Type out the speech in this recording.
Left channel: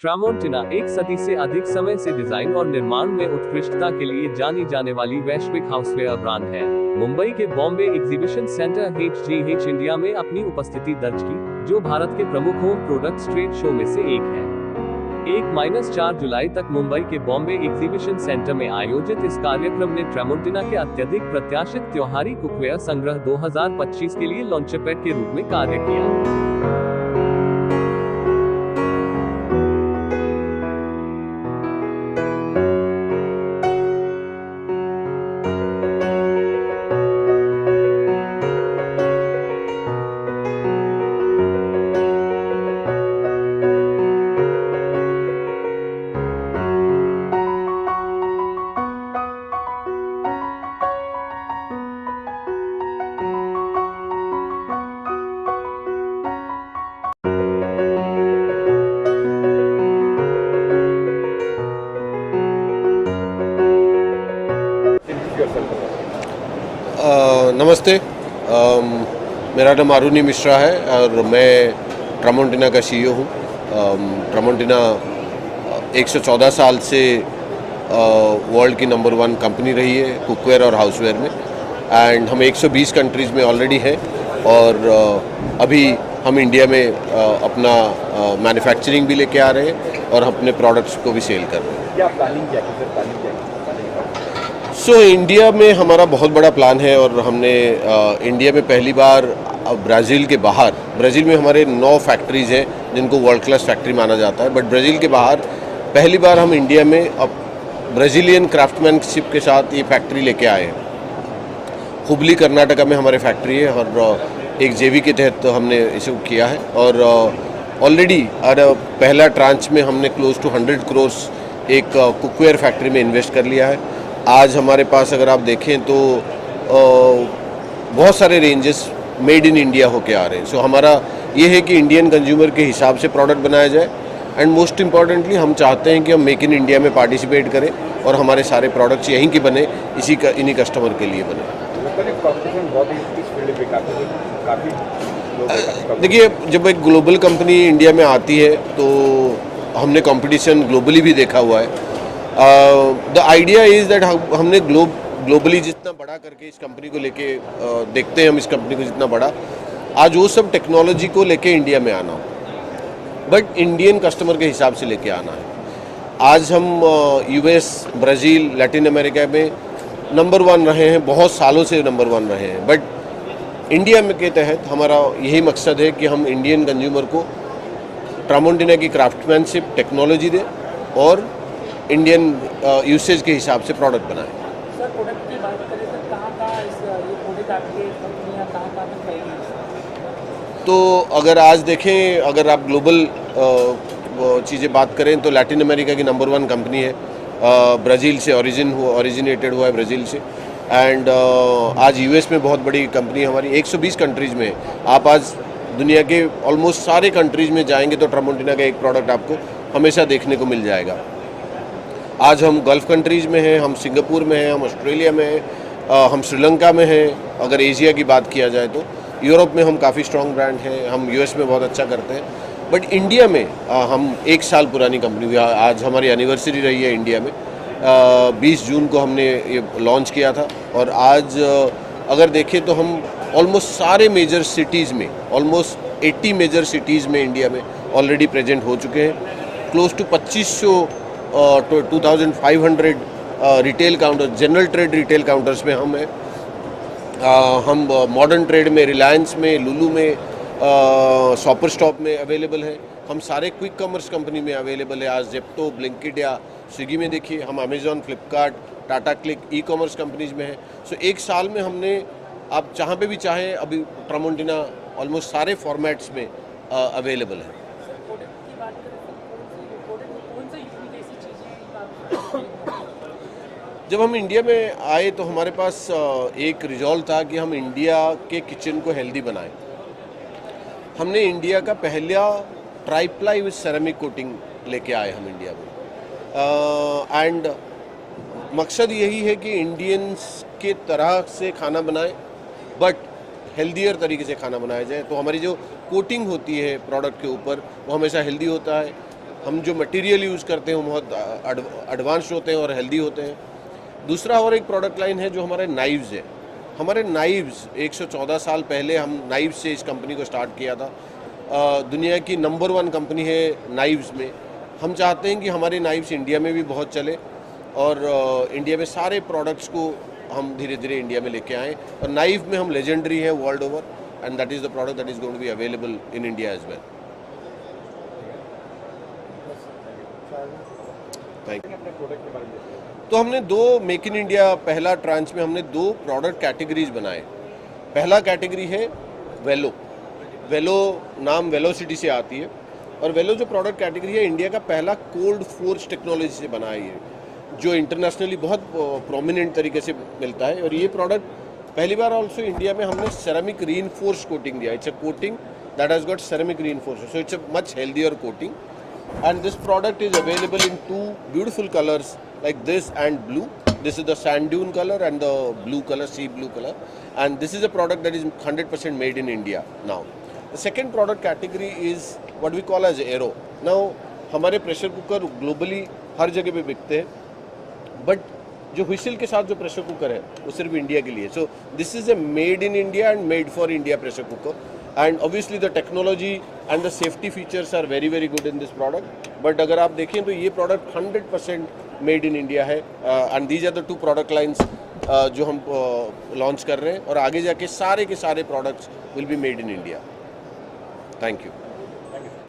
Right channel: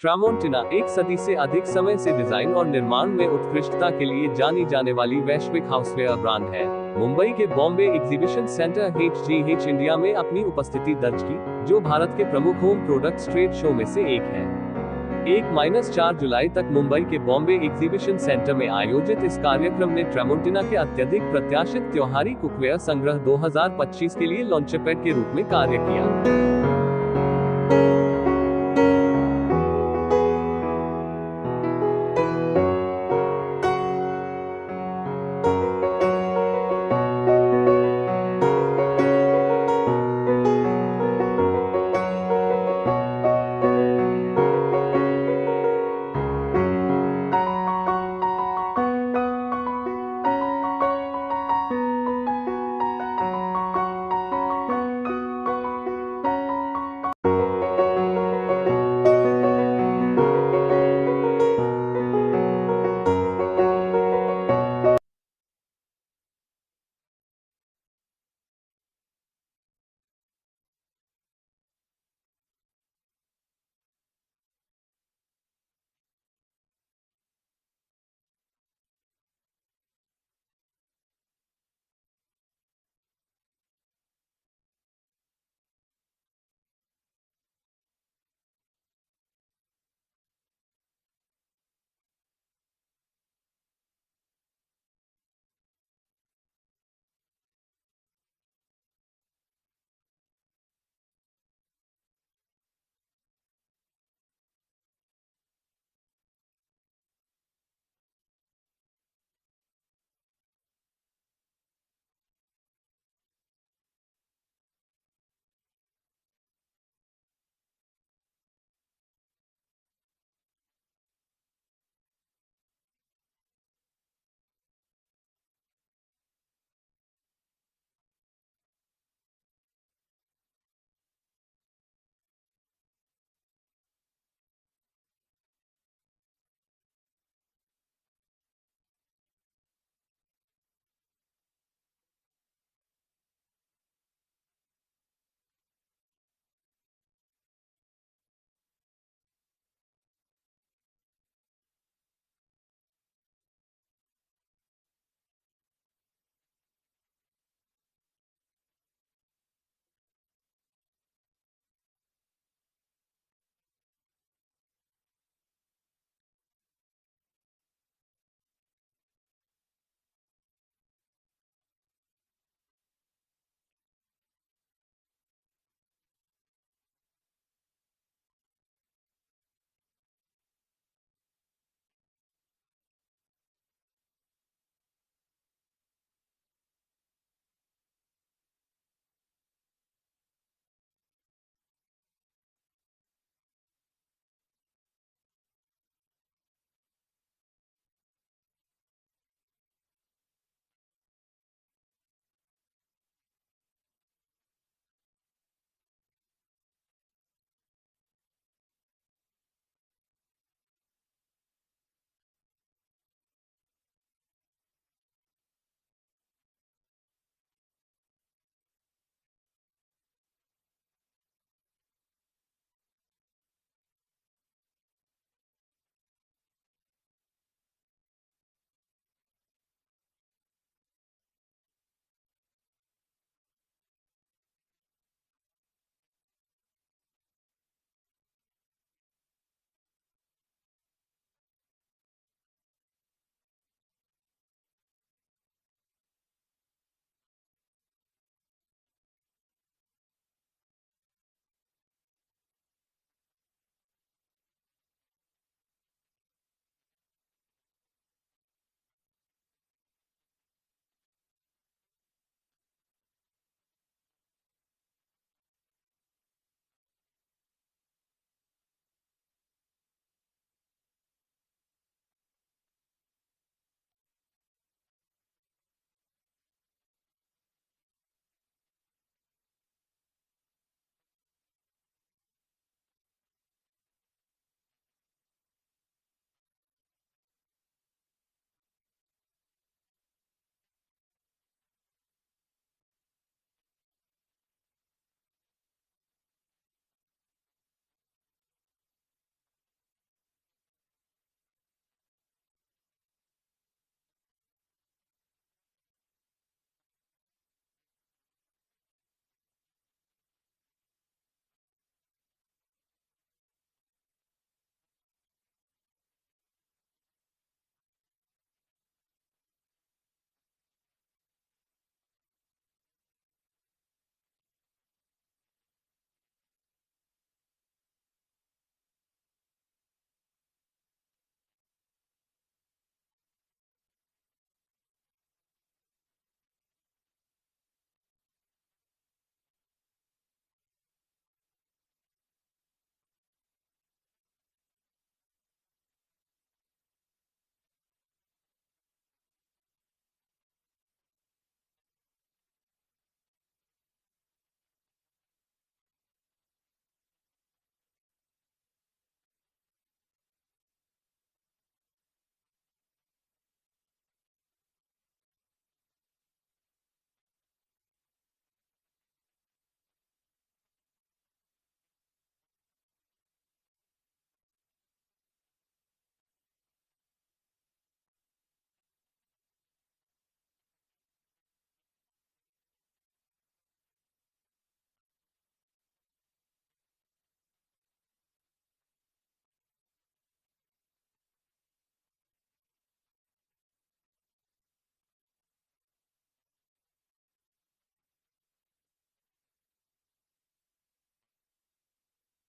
ट्रामोंटिना एक सदी से अधिक समय से डिजाइन और निर्माण में उत्कृष्टता के लिए जानी जाने वाली वैश्विक हाउसवेयर ब्रांड है। मुंबई के Bombay exhibition centre HGH India में अपनी उपस्थिति दर्ज की, जो भारत के प्रमुख होम प्रोडक्ट्स ट्रेड शो में से एक है। 1-4 जुलाई तक मुंबई के बॉम्बे एग्जीबिशन सेंटर में आयोजित इस कार्यक्रम ने ट्रामोंटिना के अत्यधिक प्रत्याशित त्योहारी कुकवेयर संग्रह 2025 के लिए लॉन्चपैड के रूप में कार्य किया। नमस्ते, मेरा नाम अरुणी मिश्रा है और मैं ट्रामोंटिना का CEO हूँ। ट्रामोंटिना 114 साल से वर्ल्ड की नंबर 1 कंपनी रही है कुकवेयर और हाउसवेयर में, एंड हम 120 कंट्रीज़ में ऑलरेडी हैं और अभी हम इंडिया में अपना मैन्युफैक्चरिंग भी लेके आ रहे हैं और अपने प्रोडक्ट्स को भी सेल कर रहे हैं। क्या प्लानिंग क्या है? इंडिया में हमारा बहुत बड़ा प्लान है और हमने इंडिया में पहली बार ब्राज़ील के बाहर, ब्राज़ील में हमारे 9 फैक्ट्रीज़ हैं जिनको वर्ल्ड क्लास फैक्ट्री माना जाता है, बट ब्राज़ील के बाहर पहली बार हम इंडिया में अब ब्राज़ीलियन क्राफ्टमैनशिप के साथ ये फैक्ट्री लेके आए हैं। हुबली कर्नाटका में हमारे फैक्ट्री है और एक JV के तहत हमने इसे किया है और ऑलरेडी पहला ट्रांच में हमने क्लोज टू 100 करोड़ एक कुकवेयर फैक्ट्री में इन्वेस्ट कर लिया है। आज हमारे पास अगर आप देखें तो बहुत सारे रेंजेस मेड इन इंडिया होके आ रहे हैं। सो हमारा ये है कि इंडियन कंज्यूमर के हिसाब से प्रोडक्ट बनाया जाए, एंड मोस्ट इम्पॉर्टेंटली हम चाहते हैं कि हम मेक इन इंडिया में पार्टिसिपेट करें और हमारे सारे प्रोडक्ट्स यहीं के बने, इन्हीं कस्टमर के लिए बने। देखिए, जब एक ग्लोबल कंपनी इंडिया में आती है तो हमने कंपटीशन ग्लोबली भी देखा हुआ है। द आइडिया इज़ दैट हमने ग्लोबली जितना बड़ा करके इस कंपनी को लेके देखते हैं हम इस कंपनी को जितना बड़ा, आज वो सब टेक्नोलॉजी को लेके इंडिया में आना हो, बट इंडियन कस्टमर के हिसाब से लेके आना है। आज हम US, ब्राज़ील, लैटिन अमेरिका में नंबर 1 रहे हैं, बहुत सालों से नंबर 1 रहे हैं, बट इंडिया में के तहत हमारा यही मकसद है कि हम इंडियन कंज्यूमर को ट्रामोंटिना की क्राफ्टमैनशिप टेक्नोलॉजी दें और इंडियन यूसेज के हिसाब से प्रोडक्ट बनाएं। सर, प्रोडक्ट की बात करें तो कहाँ ये प्रोडक्ट आपके कंपनियाँ कहाँ तक पाएगी? तो अगर आज देखें, अगर आप ग्लोबल चीज़ें बात करें तो लैटिन अमेरिका की नंबर 1 कंपनी है, ब्राज़ील से ओरिजिनेटेड हुआ है ब्राज़ील से, एंड आज US में बहुत बड़ी कंपनी हमारी 120 कंट्रीज़ में। आप आज दुनिया के ऑलमोस्ट सारे कंट्रीज़ में जाएंगे तो ट्रामोंटिना का एक प्रोडक्ट आपको हमेशा देखने को मिल जाएगा। आज हम गल्फ़ कंट्रीज़ में हैं, हम सिंगापुर में हैं, हम ऑस्ट्रेलिया में हैं, हम श्रीलंका में हैं। अगर एशिया की बात किया जाए तो यूरोप में हम काफ़ी स्ट्रॉन्ग ब्रांड हैं, हम US में बहुत अच्छा करते हैं, बट इंडिया में हम 1 साल पुरानी कंपनी हुई। आज हमारी एनिवर्सरी रही है इंडिया में। 20 जून को हमने ये लॉन्च किया था और आज अगर देखें तो हम ऑलमोस्ट सारे मेजर सिटीज़ में, ऑलमोस्ट 80 मेजर सिटीज़ में इंडिया में ऑलरेडी प्रेजेंट हो चुके हैं। Close to 2500 retail counter, general trade retail counters में हम हैं। हम मॉडर्न ट्रेड में, रिलायंस में, लुलू में, शॉपर स्टॉप में अवेलेबल है। हम सारे क्विक कॉमर्स कंपनी में अवेलेबल है। आज जेप्टो, ब्लिंकिट या स्विगी में देखिए, हम Amazon, Flipkart, Tata CLiQ, e-commerce companies में हैं। सो 1 साल में हमने, आप जहाँ पे भी चाहें, अभी ट्रामोंटिना ऑलमोस्ट सारे फॉर्मेट्स में अवेलेबल है। जब हम इंडिया में आए तो हमारे पास एक रिजॉल्व था कि हम इंडिया के किचन को हेल्दी बनाएं। हमने इंडिया का पहला ट्राइप्लाई विद सेरेमिक कोटिंग लेके आए हम इंडिया में, एंड मकसद यही है कि इंडियंस के तरह से खाना बनाएं, बट हेल्दियर तरीके से खाना बनाया जाए। तो हमारी जो कोटिंग होती है प्रोडक्ट के ऊपर वो हमेशा हेल्दी होता है, हम जो मटेरियल यूज़ करते हैं वो बहुत एडवांस्ड होते हैं और हेल्दी होते हैं। दूसरा और एक प्रोडक्ट लाइन है जो हमारे नाइव्स है। हमारे नाइव्स 114 साल पहले हम नाइव्स से इस कंपनी को स्टार्ट किया था। दुनिया की नंबर 1 कंपनी है नाइव्स में। हम चाहते हैं कि हमारे नाइव्स इंडिया में भी बहुत चले और इंडिया में सारे प्रोडक्ट्स को हम धीरे धीरे इंडिया में लेके आएँ। और नाइव में हम लेजेंडरी हैं world over, and that is the product that is going to be available in India as well. Thank you. तो हमने 2 मेक इन इंडिया पहला ट्रांच में हमने 2 प्रोडक्ट कैटेगरीज बनाए। पहला कैटेगरी है वेलो। वेलो नाम वेलोसिटी से आती है और वेलो जो प्रोडक्ट कैटेगरी है इंडिया का पहला कोल्ड फोर्ज टेक्नोलॉजी से बना है ये, जो इंटरनेशनली बहुत प्रोमिनेंट तरीके से मिलता है। और ये प्रोडक्ट पहली बार ऑल्सो इंडिया में हमने सेरेमिक रीइंफोर्स कोटिंग दिया। It's a coating that has got ceramic reinforce, so it's a much healthier coating. And this product is available in 2 beautiful colors like this and blue. This is the sand dune color and the blue color, sea blue color. And this is a product that is 100% made in India now. The second product category is what we call as aero. Now, हमारे pressure cooker globally हर जगह पे बिकते हैं, but जो whistle के साथ जो pressure cooker है वो सिर्फ इंडिया के लिए। So this is a made in India and made for India pressure cooker, and obviously the technology and the safety features are very very good in this product. But अगर आप देखें तो ये प्रोडक्ट 100% मेड इन इंडिया है, and these are the 2 product lines जो हम launch कर रहे हैं, और आगे जाके सारे के सारे products will be made in India. Thank you.